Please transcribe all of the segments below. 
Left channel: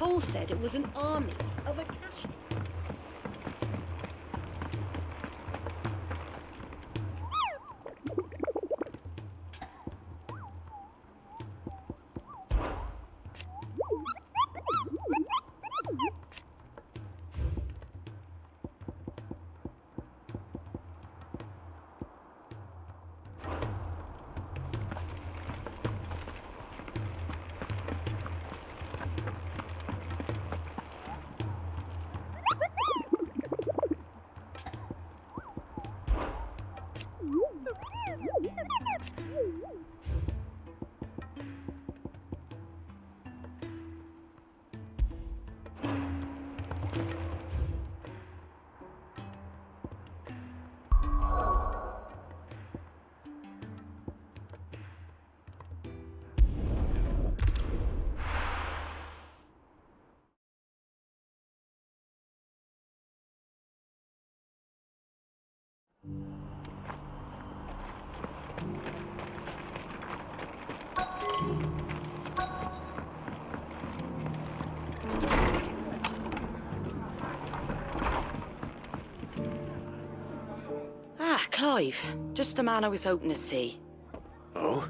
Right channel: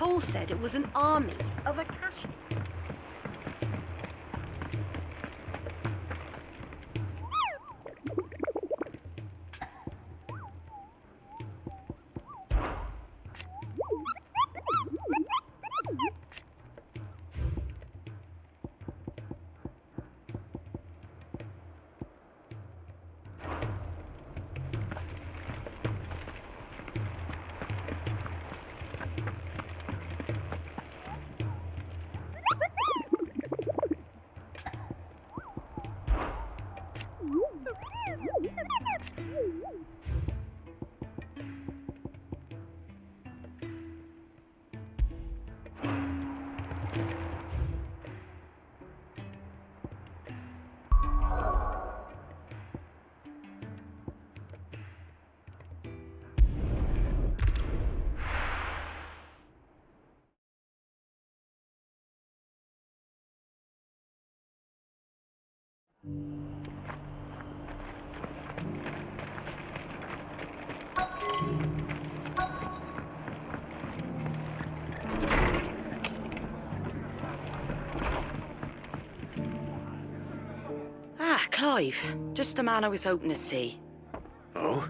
Paul said it was an army of Akashi. Clive, just the man I was hoping to see. Oh?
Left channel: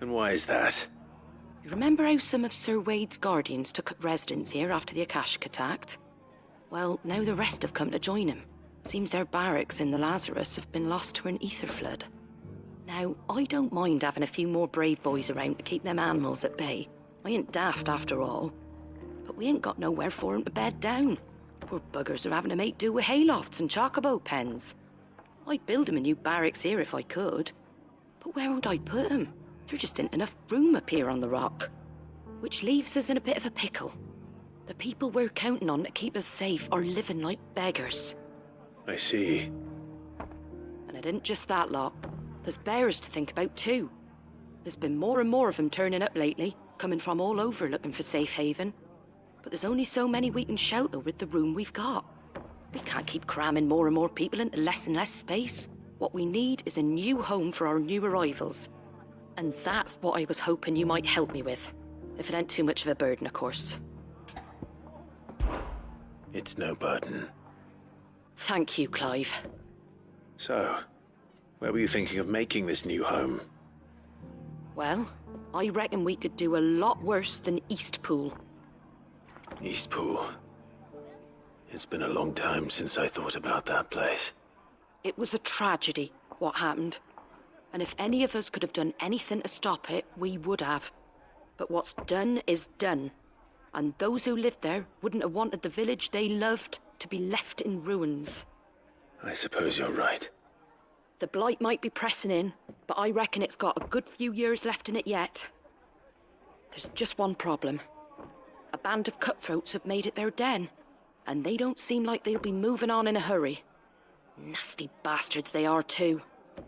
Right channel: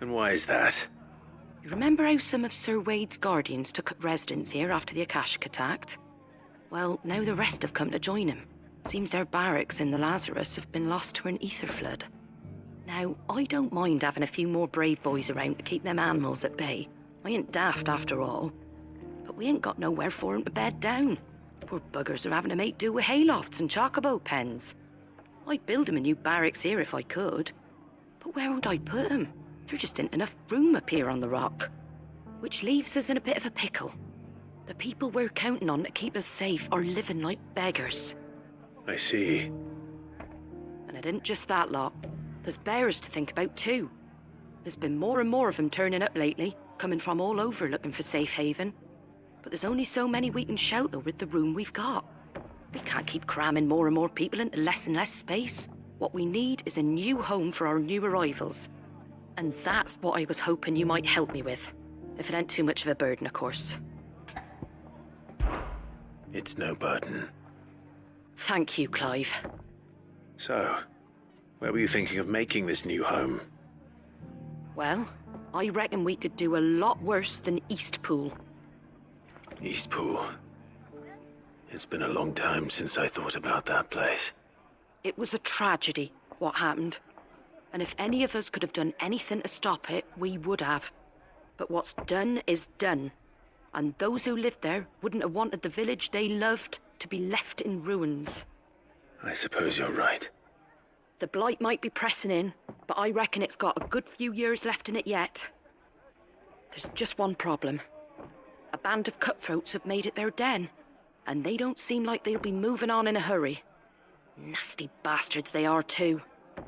And why is that? You remember how some of Sir Wade's guardians took up residence here after the Akashic attacked? Well, now the rest have come to join him. Seems their barracks in the Lazarus have been lost to an ether flood. Now, I don't mind having a few more brave boys around to keep them animals at bay. I ain't daft after all. But we ain't got nowhere for 'em to bed down. Poor buggers are having to make do with haylofts and chocobo pens. I'd build 'em a new barracks here if I could. But where would I put 'em? There just ain't enough room up here on the rock. Which leaves us in a bit of a pickle. The people we're counting on to keep us safe are living like beggars. I see. And it ain't just that lot. There's bears to think about too. There's been more and more of them turning up lately, coming from all over looking for safe haven. But there's only so many we can shelter with the room we've got. We can't keep cramming more and more people into less and less space. What we need is a new home for our new arrivals. And that's what I was hoping you might help me with. If it ain't too much of a burden, of course. It's no burden. Thank you, Clive. So, where were you thinking of making this new home? Well, I reckon we could do a lot worse than Eastpool. Eastpool. It's been a long time since I thought about that place. It was a tragedy, what happened. And if any of us could have done anything to stop it, we would have. But what's done is done. And those who lived there wouldn't have wanted the village they loved to be left in ruins. I suppose you're right. The blight might be pressing in, but I reckon it's got a good few years left in it yet. There's just one problem. A band of cutthroats have made it their den, and they don't seem like they'll be moving on in a hurry. Nasty bastards they are too.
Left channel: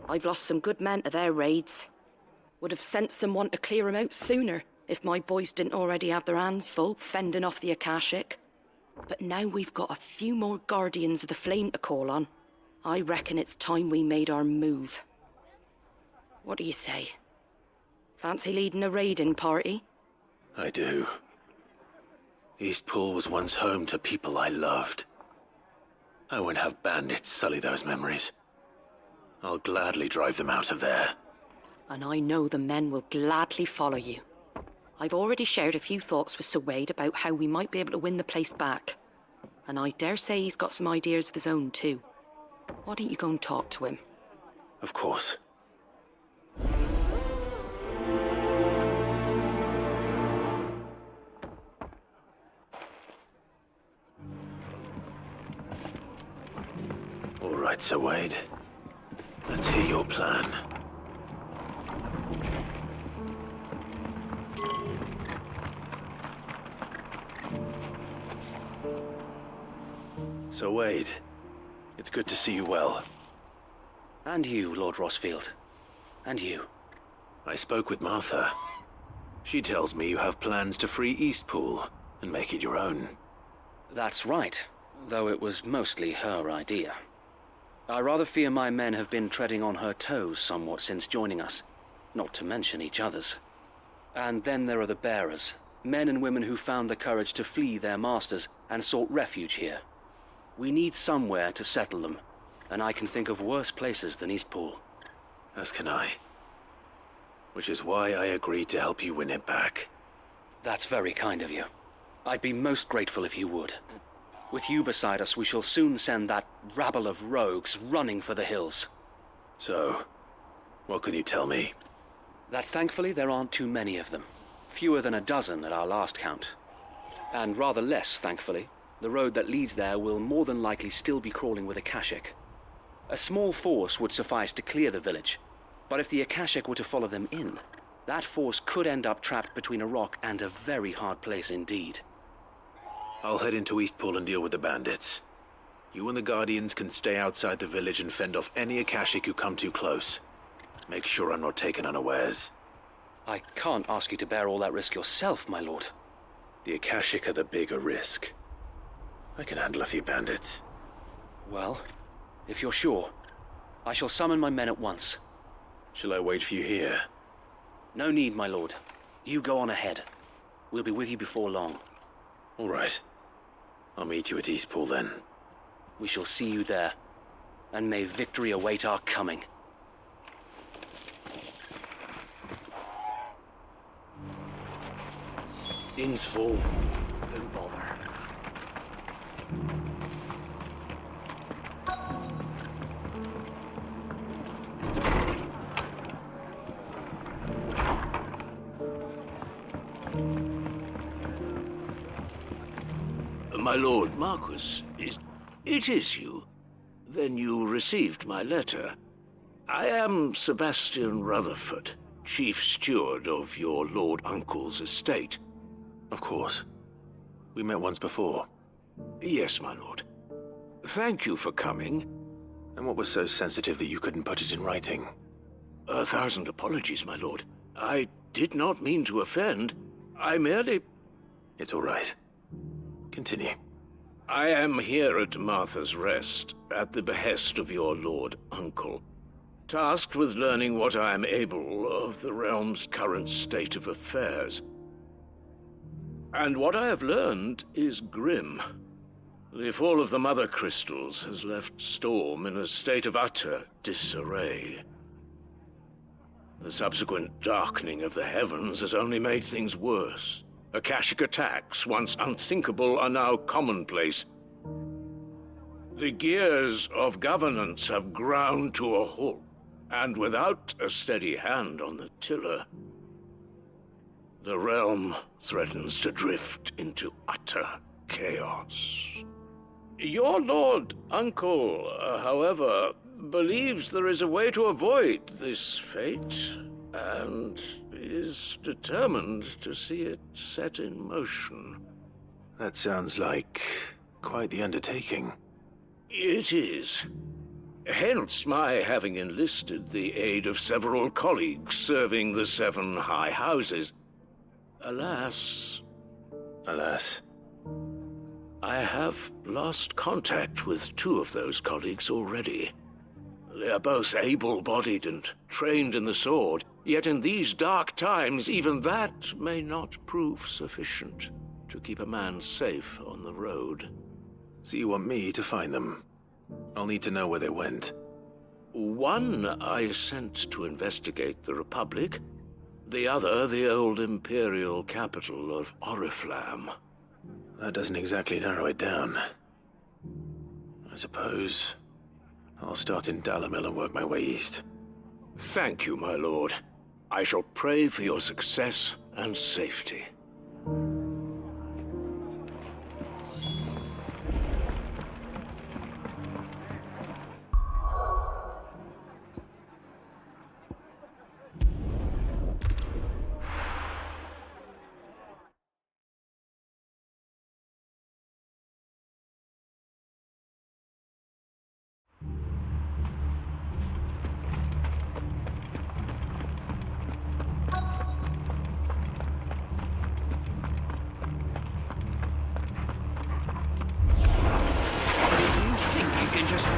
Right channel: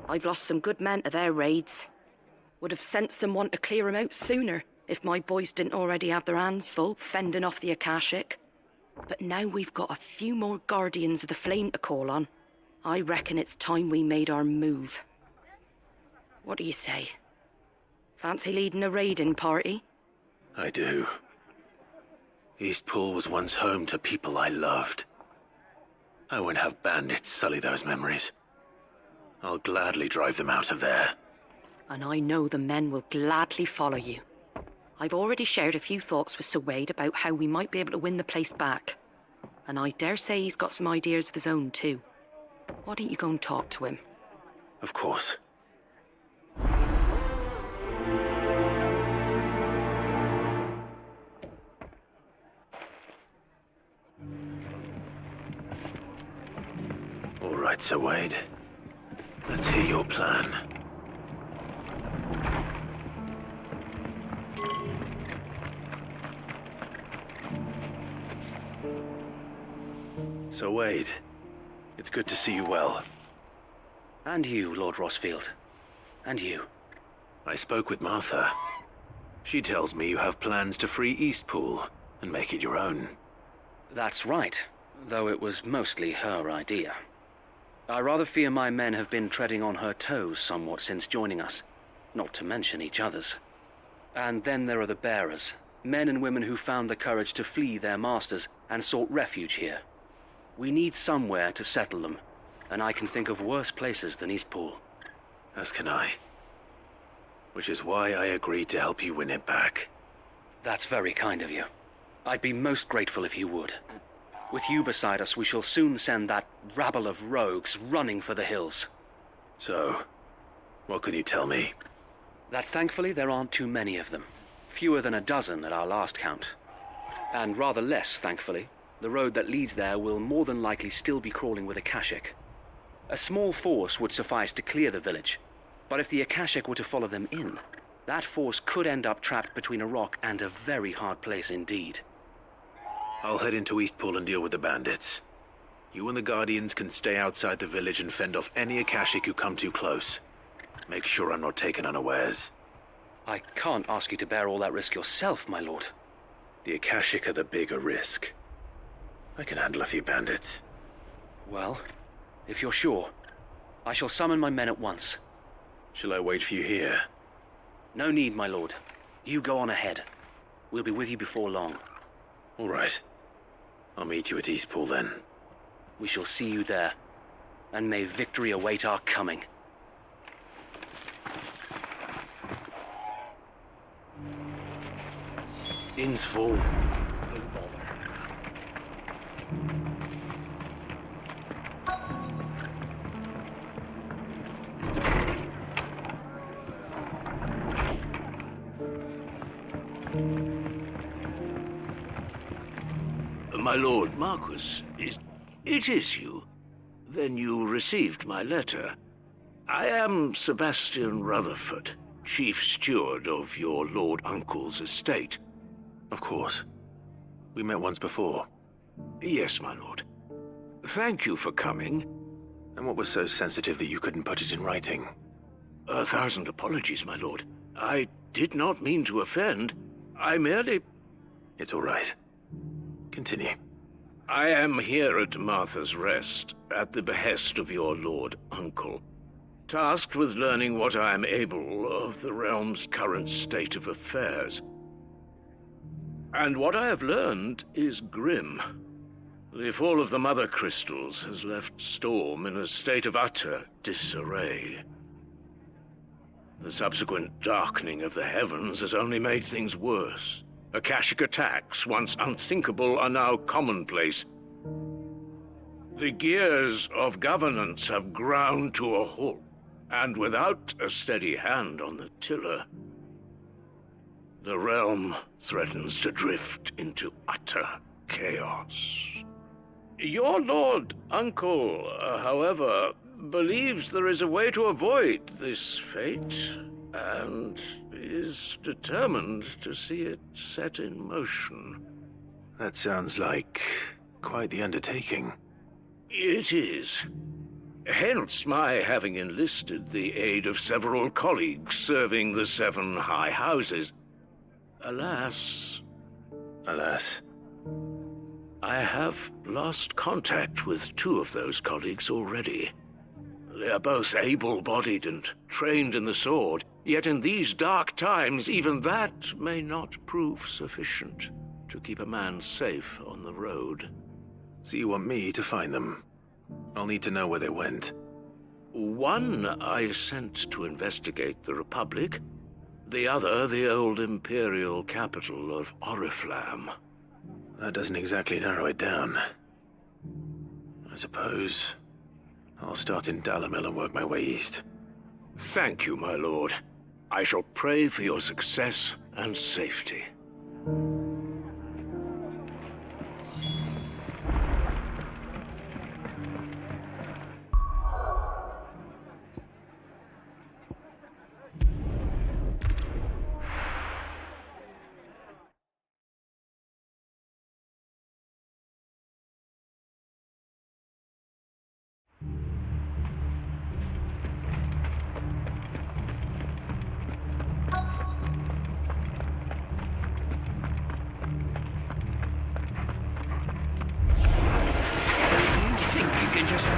I've lost some good men to their raids. Would have sent someone to clear 'em out sooner, if my boys didn't already have their hands full fending off the Akashic. But now we've got a few more guardians of the flame to call on. I reckon it's time we made our move. What do you say? Fancy leading a raiding party? I do. Eastpool was once home to people I loved. I won't have bandits sully those memories. I'll gladly drive them out of there. And I know the men will gladly follow you. I've already shared a few thoughts with Sir Wade about how we might be able to win the place back. And I dare say he's got some ideas of his own too. Why don't you go and talk to him? Of course. All right, Sir Wade. Let's hear your plan. Sir Wade, it's good to see you well. And you, Lord Rossfield. And you. I spoke with Martha. She tells me you have plans to free Eastpool and make it your own. That's right, though it was mostly her idea. I rather fear my men have been treading on her toes somewhat since joining us, not to mention each other's. And then there are the bearers, Men and women who found the courage to flee their masters and sought refuge here. We need somewhere to settle them, and I can think of worse places than Eastpool. As can I. Which is why I agreed to help you win it back. That's very kind of you. I'd be most grateful if you would. With you beside us, we shall soon send that rabble of rogues running for the hills. So, what can you tell me? That thankfully there aren't too many of them. Fewer than a dozen at our last count. And rather less, thankfully. The road that leads there will more than likely still be crawling with Akashic. A small force would suffice to clear the village, but if the Akashic were to follow them in, that force could end up trapped between a rock and a very hard place indeed. I'll head into Eastpool and deal with the bandits. You and the Guardians can stay outside the village and fend off any Akashic who come too close. Make sure I'm not taken unawares. I can't ask you to bear all that risk yourself, my lord. The Akashic are the bigger risk. I can handle a few bandits. Well, if you're sure, I shall summon my men at once. Shall I wait for you here? No need, my lord. You go on ahead. We'll be with you before long. All right. I'll meet you at Eastpool then. We shall see you there, and may victory await our coming. Inn's full. Don't bother. My lord Marquis, it is you. Then you received my letter. I am Sebastian Rutherford, chief steward of your lord uncle's estate. Of course. We met once before. Yes, my lord. Thank you for coming. And what was so sensitive that you couldn't put it in writing? 1,000 apologies, my lord. I did not mean to offend. I merely... It's all right. Continue. I am here at Martha's Rest, at the behest of your lord uncle, tasked with learning what I am able of the realm's current state of affairs. And what I have learned is grim. The fall of the Mother Crystals has left Storm in a state of utter disarray. The subsequent darkening of the heavens has only made things worse. Akashic attacks, once unthinkable, are now commonplace. The gears of governance have ground to a halt, and without a steady hand on the tiller, the realm threatens to drift into utter chaos. Your lord uncle, however, believes there is a way to avoid this fate, and is determined to see it set in motion. That sounds like quite the undertaking. It is. Hence my having enlisted the aid of several colleagues serving the 7 high houses. Alas, I have lost contact with 2 of those colleagues already. They are both able-bodied and trained in the sword, yet in these dark times even that may not prove sufficient to keep a man safe on the road. So you want me to find them? I'll need to know where they went. One I sent to investigate the Republic, the other the old Imperial capital of Oriflamme. That doesn't exactly narrow it down. I suppose I'll start in Dalamil and work my way east. Thank you, my lord. I shall pray for your success and safety.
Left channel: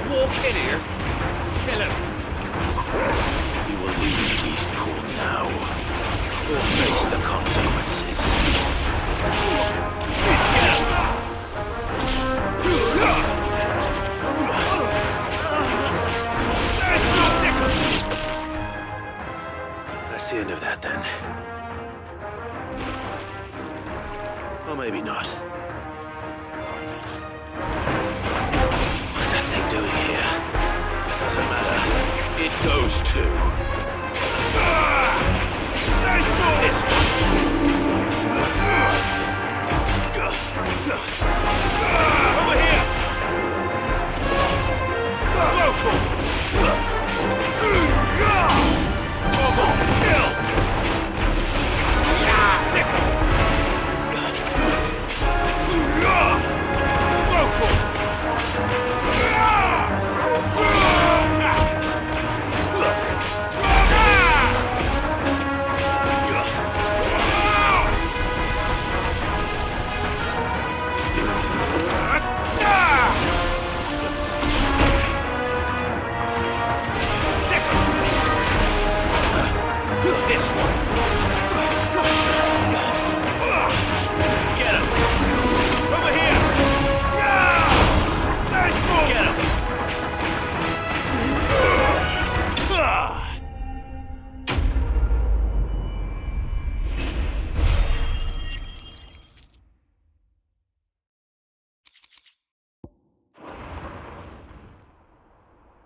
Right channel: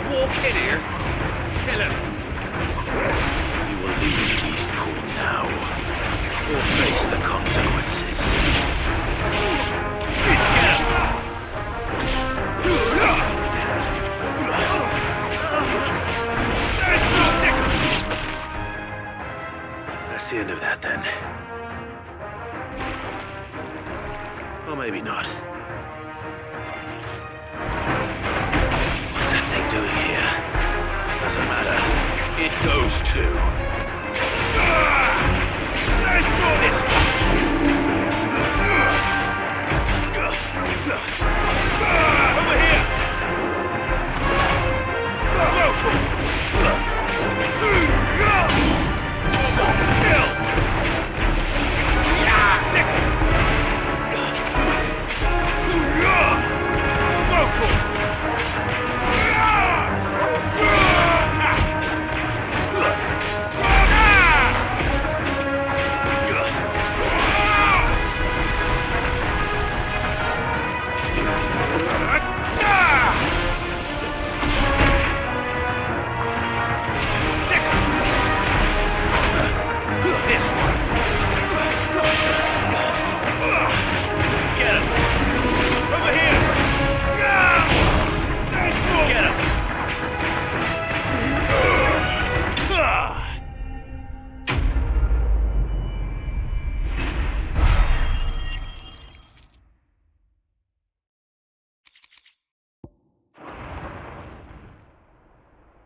Walk in here. Kill him. You will leave Eastpool now, or face the consequences. Or maybe not. What's that thing doing here? Doesn't matter. It goes to...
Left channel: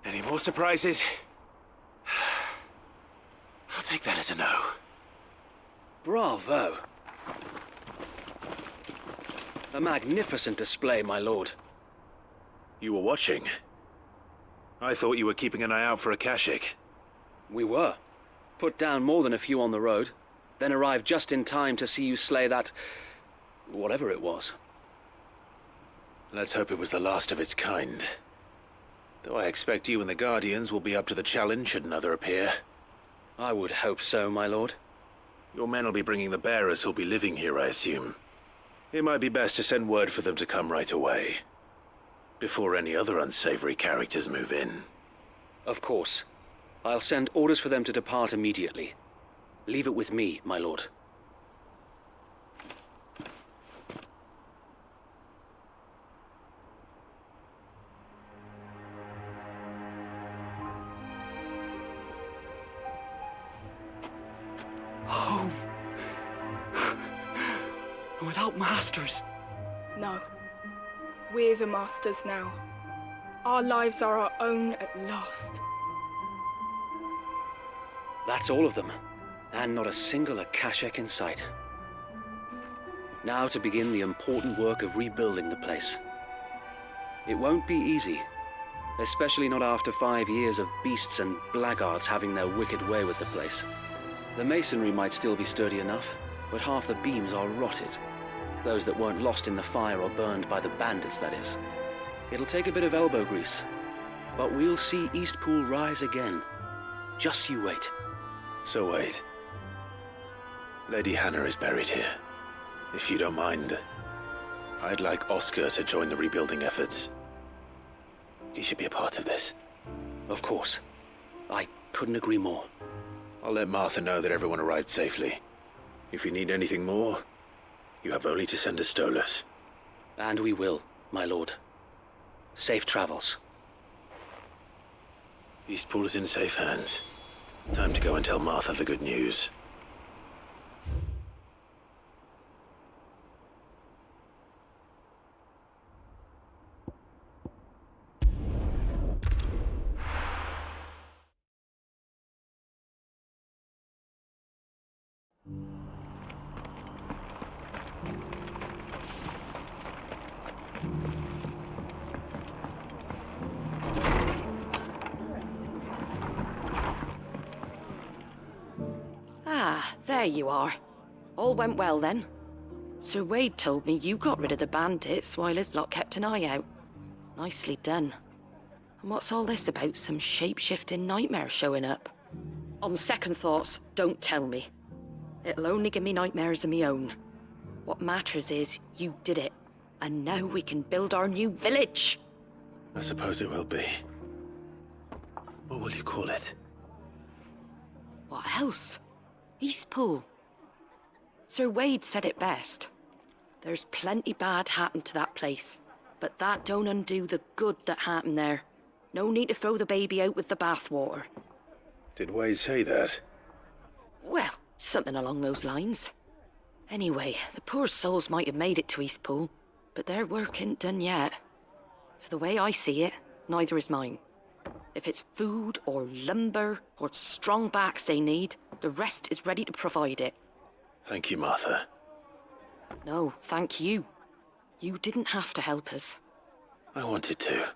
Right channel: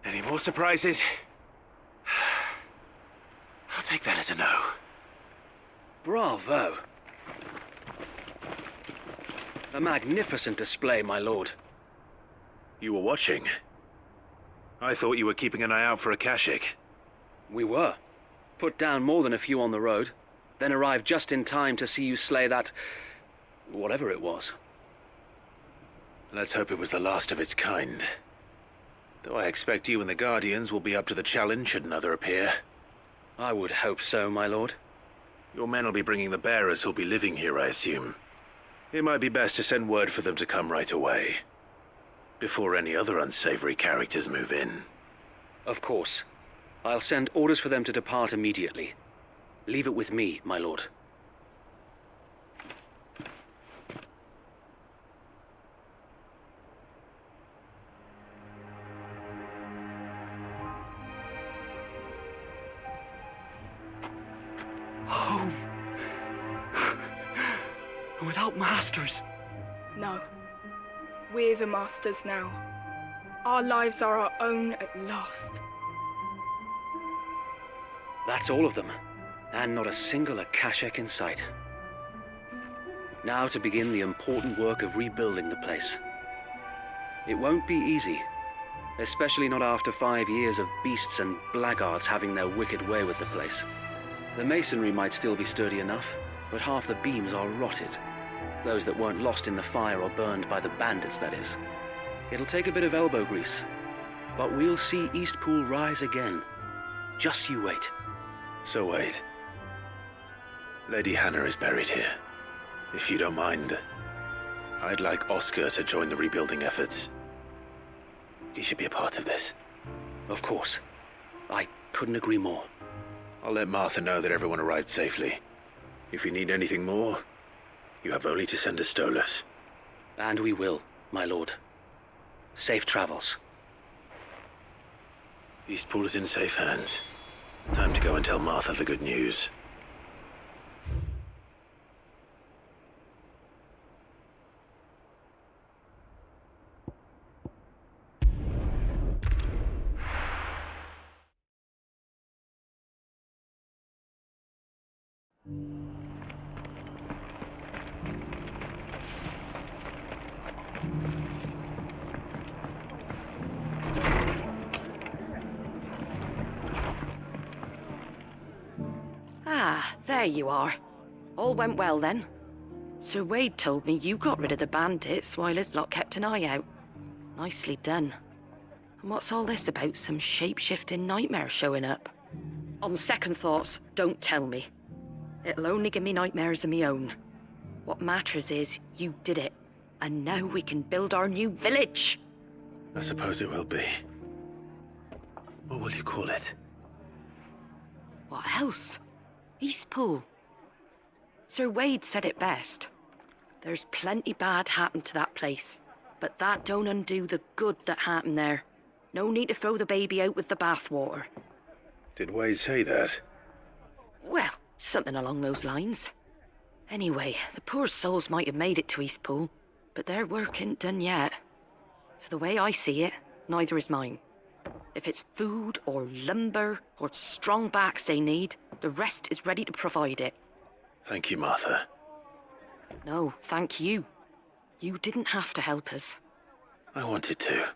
Any more surprises? I'll take that as a no. Bravo. A magnificent display, my lord. You were watching. I thought you were keeping an eye out for a Kashik. We were. Put down more than a few on the road, then arrived just in time to see you slay that... whatever it was. Let's hope it was the last of its kind. Though I expect you and the Guardians will be up to the challenge should another appear. I would hope so, my lord. Your men will be bringing the bearers who'll be living here, I assume. It might be best to send word for them to come right away, before any other unsavory characters move in. Of course. I'll send orders for them to depart immediately. Leave it with me, my lord. Home. Without masters. No. We're the masters now. Our lives are our own at last. That's all of them, and not a single Akashik in sight. Now to begin the important work of rebuilding the place. It won't be easy, especially not after 5 years of beasts and blackguards having their wicked way with the place. The masonry might still be sturdy enough, but half the beams are rotted. Those that weren't lost in the fire or burned by the bandits, that is. It'll take a bit of elbow grease, but we'll see Eastpool rise again. Just you wait. So wait. Lady Hannah is buried here. If you don't mind, I'd like Oscar to join the rebuilding efforts. He should be a part of this. Of course. I couldn't agree more. I'll let Martha know that everyone arrived safely. If you need anything more, you have only to send a Stolas. And we will, my lord. Safe travels. Eastpool is in safe hands. Time to go and tell Martha the good news. There you are. All went well then. Sir Wade told me you got rid of the bandits while his lot kept an eye out. Nicely done. And what's all this about some shape-shifting nightmare showing up? On second thoughts, don't tell me. It'll only give me nightmares of me own. What matters is you did it, and now we can build our new village. I suppose it will be. What will you call it? What else? Eastpool. Sir Wade said it best. There's plenty bad happened to that place, but that don't undo the good that happened there. No need to throw the baby out with the bathwater. Did Wade say that? Well, something along those lines. Anyway, the poor souls might have made it to Eastpool, but their work ain't done yet. So the way I see it, neither is mine. If it's food or lumber or strong backs they need, the rest is ready to provide it. Thank you, Martha. No, thank you. You didn't have to help us. I wanted to.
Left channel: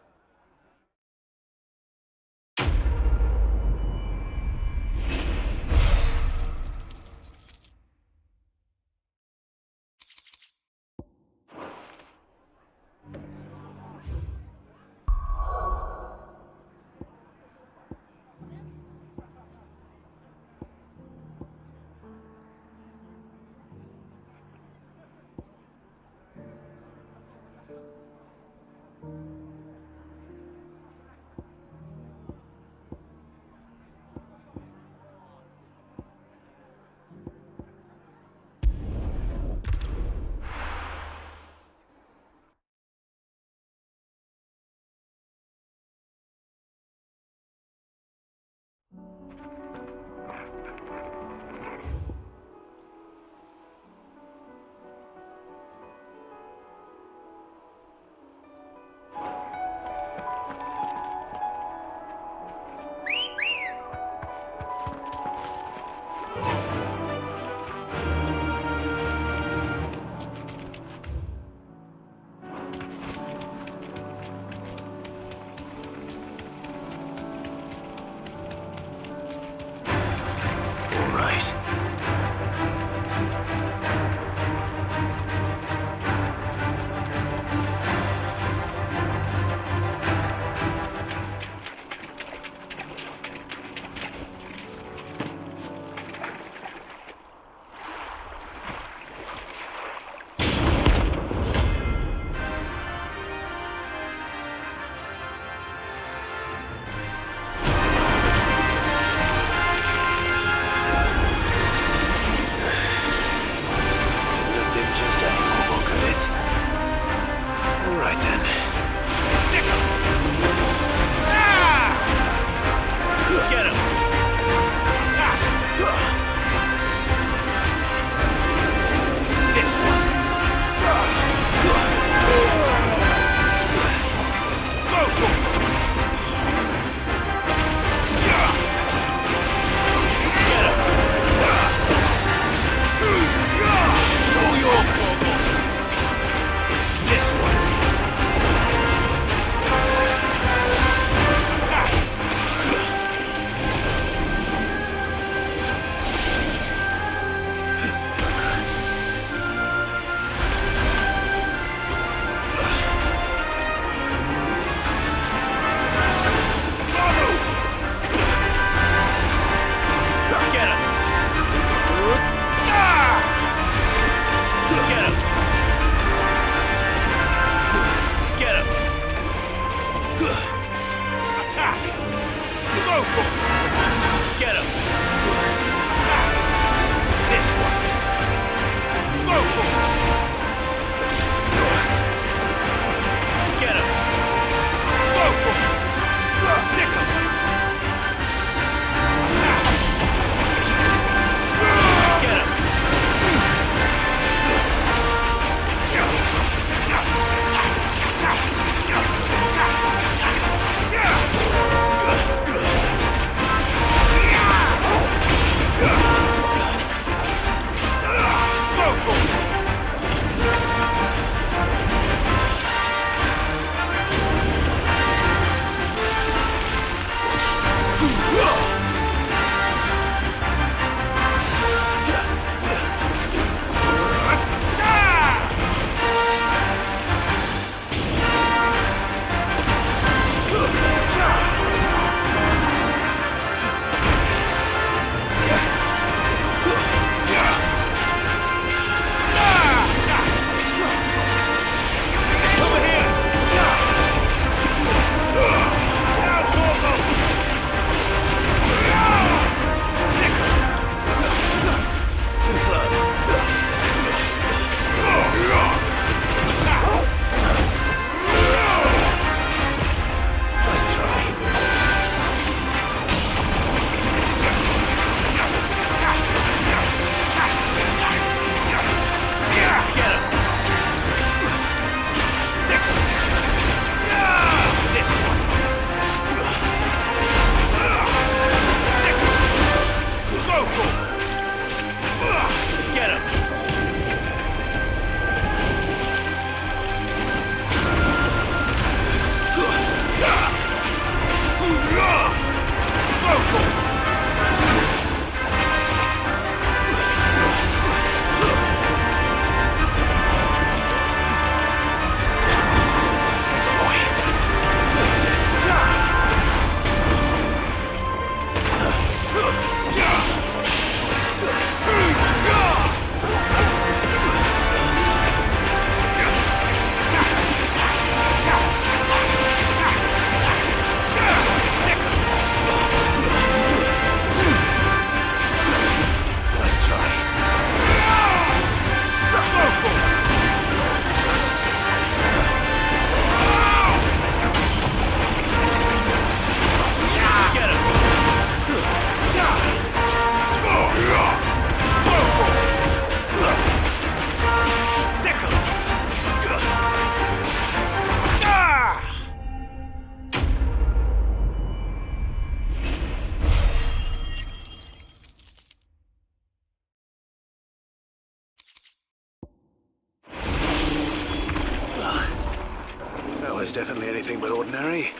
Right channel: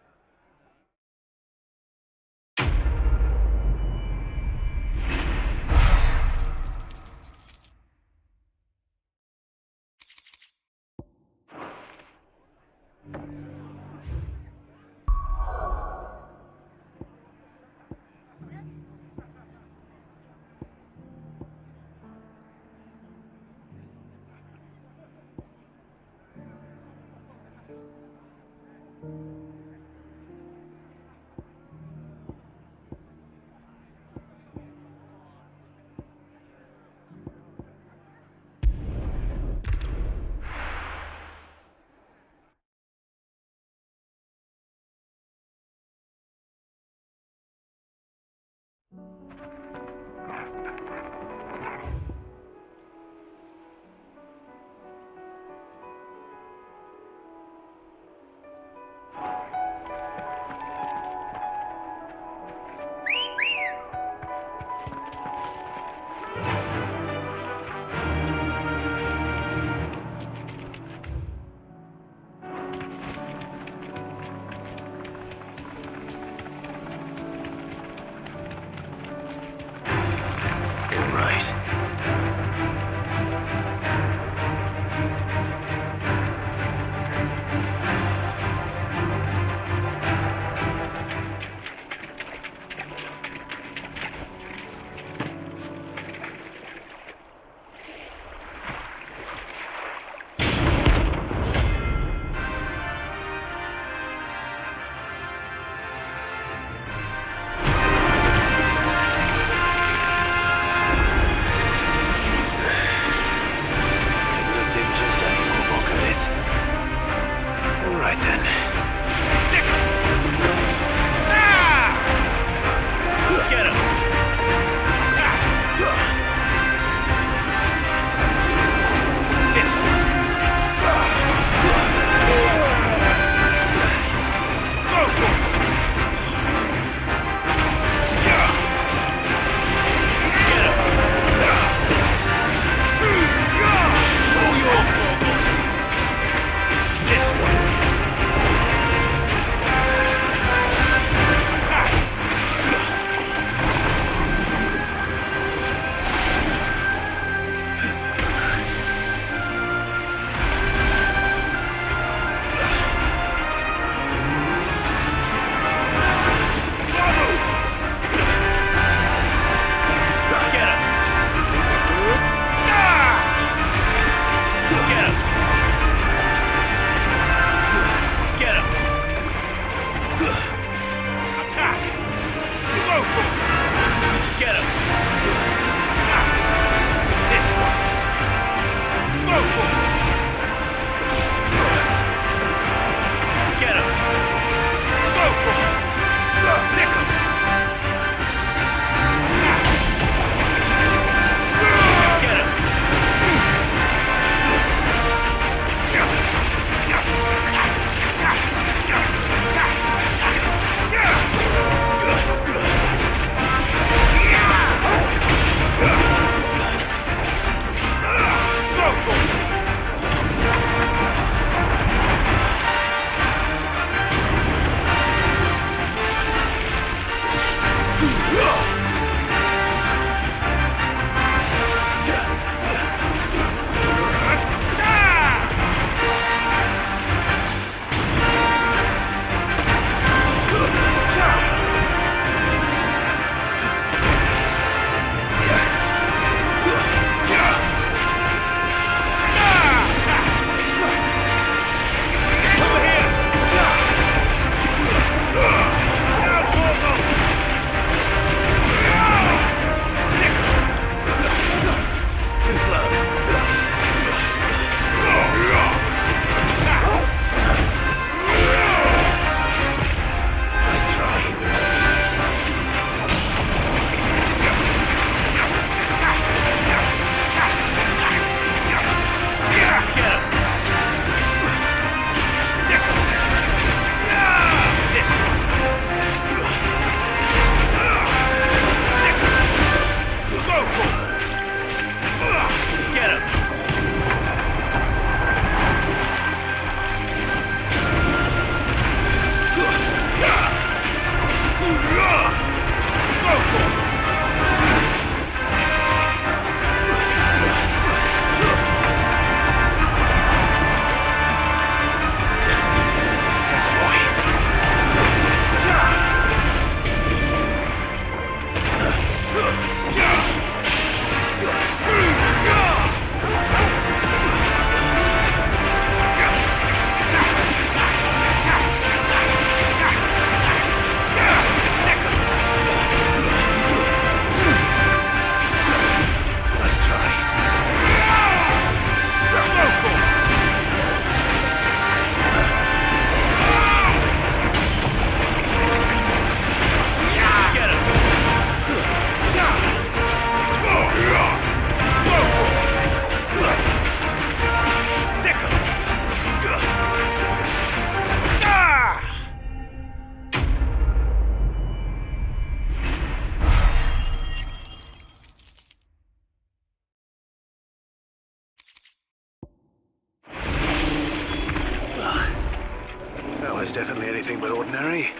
definitely anything but ordinary.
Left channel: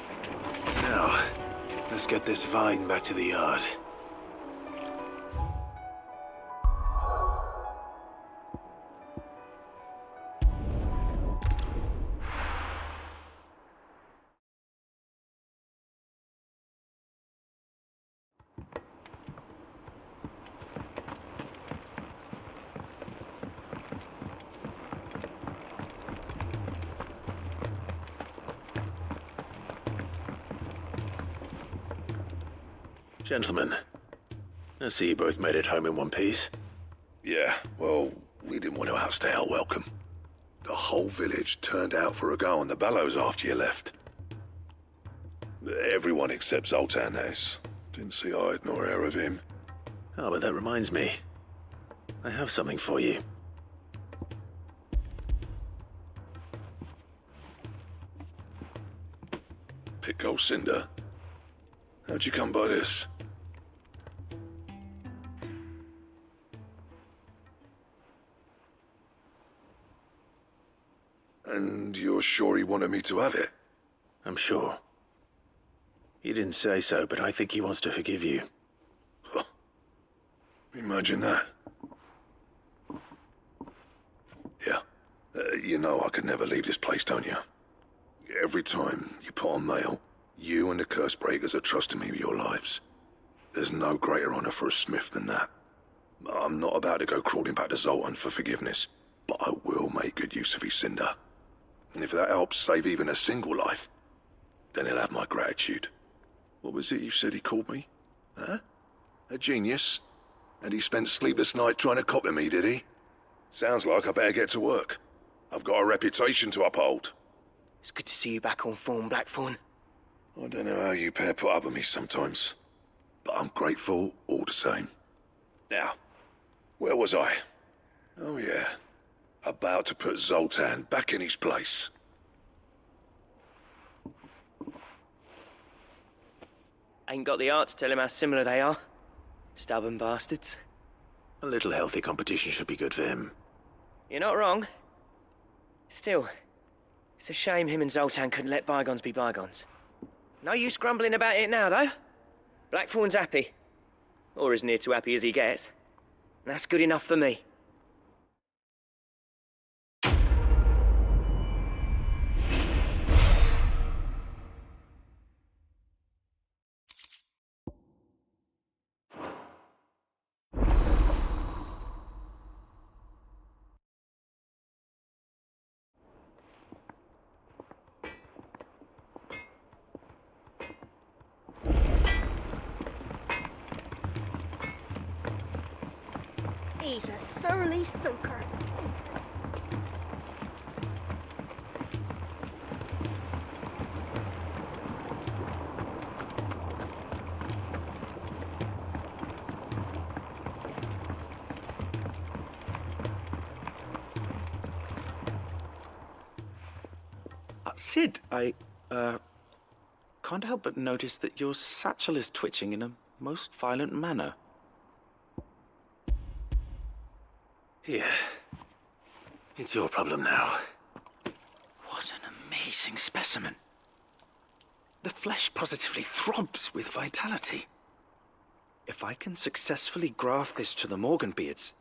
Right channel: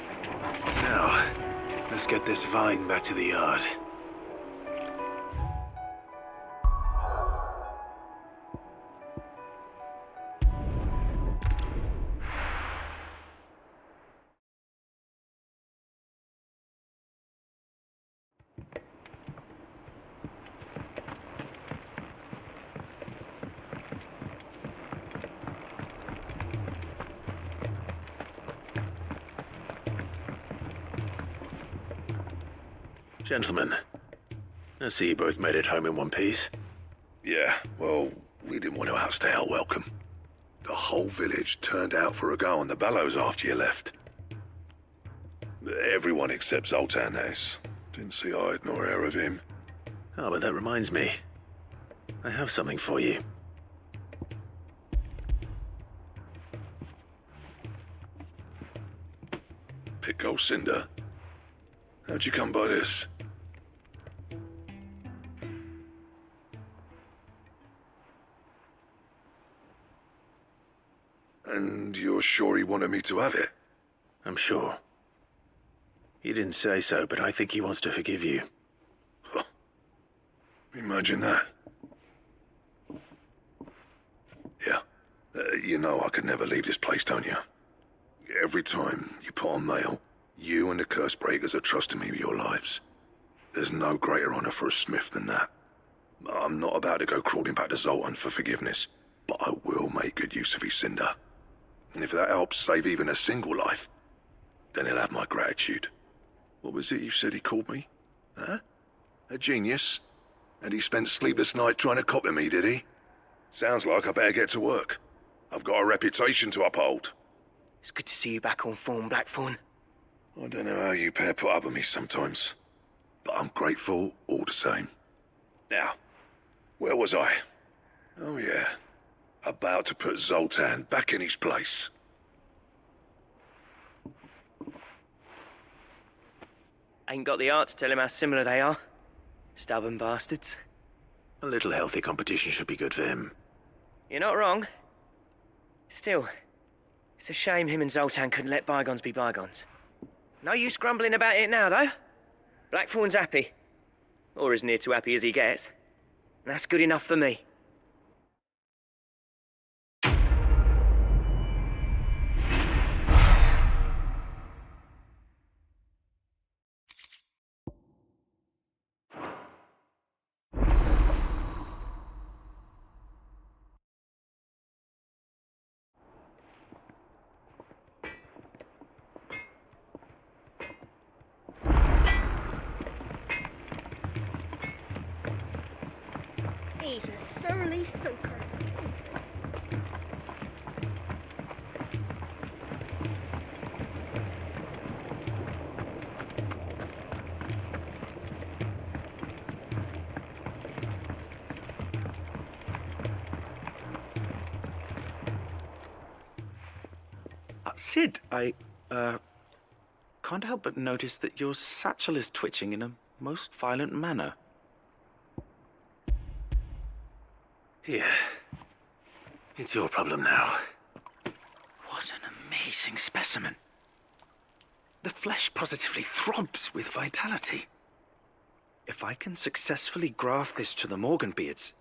Now, let's get this vine back to the yard. Gentlemen, I see you both made it home in one piece. Yeah, well, we didn't want to outstay our welcome. The whole village turned out for a go on the bellows after you left. Everyone except Zoltan, that is. Didn't see hide nor hair of him. Oh, but that reminds me. I have something for you. Pickle Cinder. How'd you come by this? And you're sure he wanted me to have it? I'm sure. He didn't say so, but I think he wants to forgive you. Huh. Imagine that. Yeah. You know I could never leave this place, don't you? Every time you put on mail, you and the curse breakers are trusting me with your lives. There's no greater honor for a smith than that. I'm not about to go crawling back to Zoltan for forgiveness, but I will make good use of his cinder. And if that helps save even a single life, then he'll have my gratitude. What was it you said he called me? Huh? A genius? And he spent sleepless night trying to copy me, did he? Sounds like I better get to work. I've got a reputation to uphold. It's good to see you back on form, Blackthorn. I don't know how you pair put up with me sometimes, but I'm grateful all the same. Now, where was I? Oh yeah, about to put Zoltan back in his place. Ain't got the art to tell him how similar they are. Stubborn bastards. A little healthy competition should be good for him. You're not wrong. Still, it's a shame him and Zoltan couldn't let bygones be bygones. No use grumbling about it now, though. Blackthorn's happy. Or as near to happy as he gets. And that's good enough for me. He's a surly soaker. Sid, I can't help but notice that your satchel is twitching in a most violent manner. Here. It's your problem now. What an amazing specimen. The flesh positively throbs with vitality. If I can successfully graft this to the Morganbeards...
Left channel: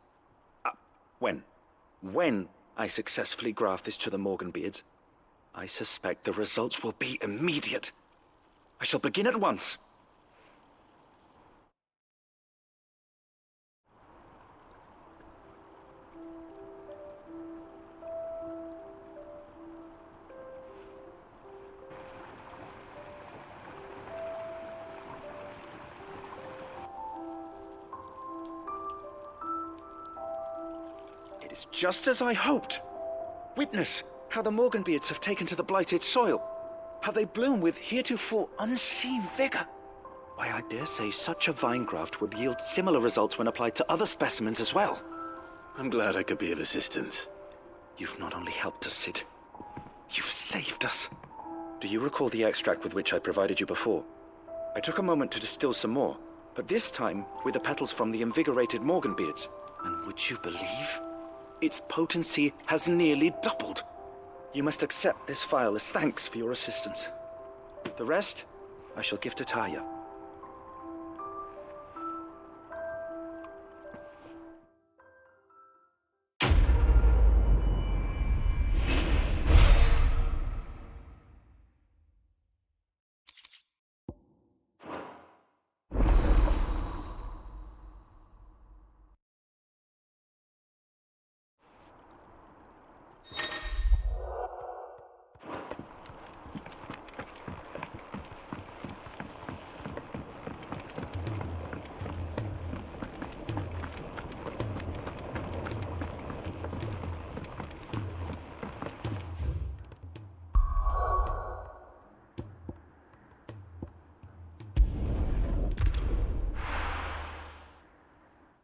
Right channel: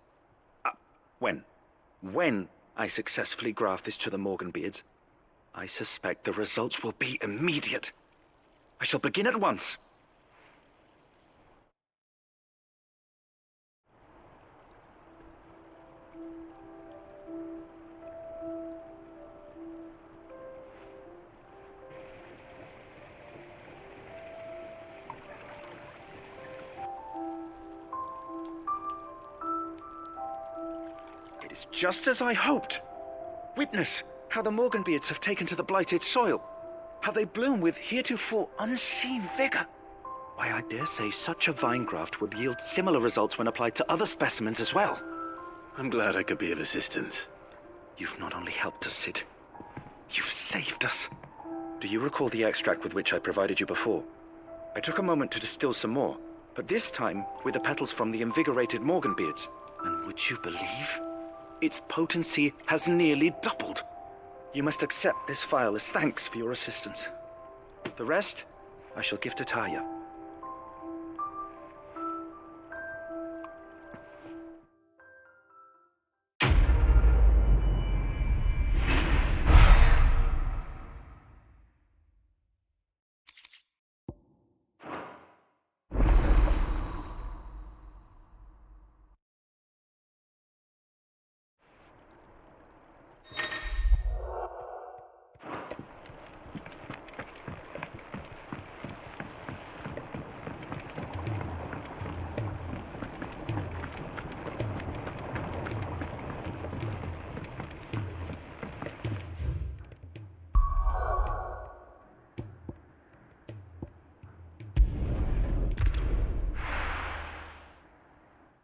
When I successfully graft this to the Morganbeards, I suspect the results will be immediate. I shall begin at once. It is just as I hoped. Witness how the Morganbeards have taken to the blighted soil, how they bloom with heretofore unseen vigor. Why, I dare say such a vine graft would yield similar results when applied to other specimens as well. I'm glad I could be of assistance. You've not only helped us, Sid, you've saved us. Do you recall the extract with which I provided you before? I took a moment to distill some more, but this time with the petals from the invigorated Morganbeards. And would you believe? Its potency has nearly doubled. You must accept this file as thanks for your assistance. The rest, I shall give to Taya.